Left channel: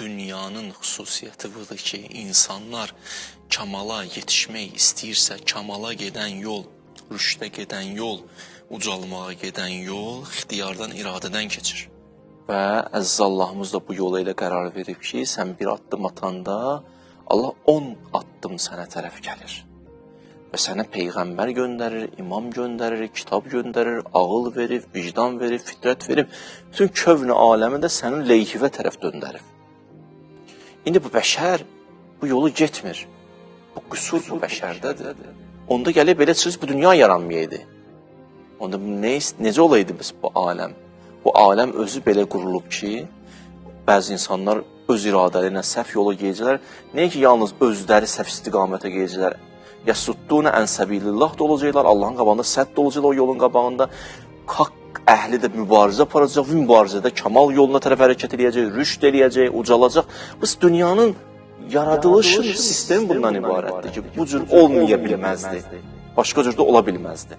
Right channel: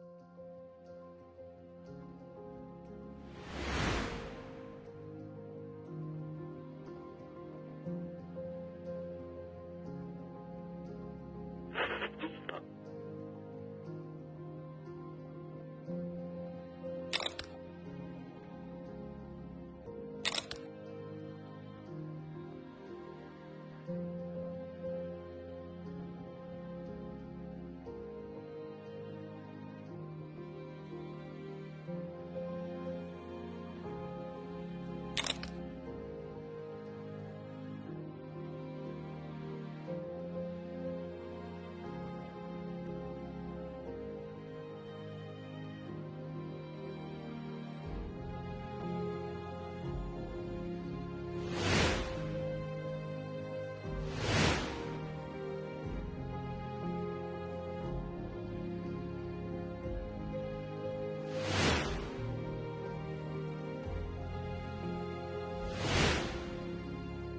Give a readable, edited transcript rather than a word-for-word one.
dünyanın xüsusiyyəti budur ki, insanlar kamala yetişmək istəyirsə, kamala gedən yol, rüşdə gedən yol, ucalmağa gedən yol ixtiyardan, iradədən keçir. Və əziz Allahımız da bu yola ilə qərar verib ki, sən bir addım atanda Allah 10 addım sənə tərəf gəlir. Və sənə peyğəmbər göndərir, imam göndərir, kitab göndərir, ağıl verir, vicdan verir, fitrət verir. Bütün kövn-i aləmi də sənin leyhivə tərəf döndərir. İndi bu bəşər bu yolu getmir. Bu qüsur bu bəşərdədir. Onda gəlib belə çıxır, bu dünya yaranmayaydı. Onda necə olaydı biz bu aləm? Bu aləm özü belə qurulub ki, bəzi insanlar öz iradələri ilə səhv yola geyəcəklər. Nəyə ki, yalnız özləri səhv istiqamətə geyəcəklər. Yəsudduna ən səbilillah da olacaqlar, Allahın qabağında sədd olacaqlar o yolun qabağında. Haqq əhli də mübarizə aparacaq, bu mübarizədə kamal yoluna tərəf hərəkət edəcək, rüşd eləyəcək, ucalacaq. Biz dünyanın yaradılış sistemi bundan ibarətdir ki, bu cür olmaya bilməzdi, başqa cür də ola bilməzdi.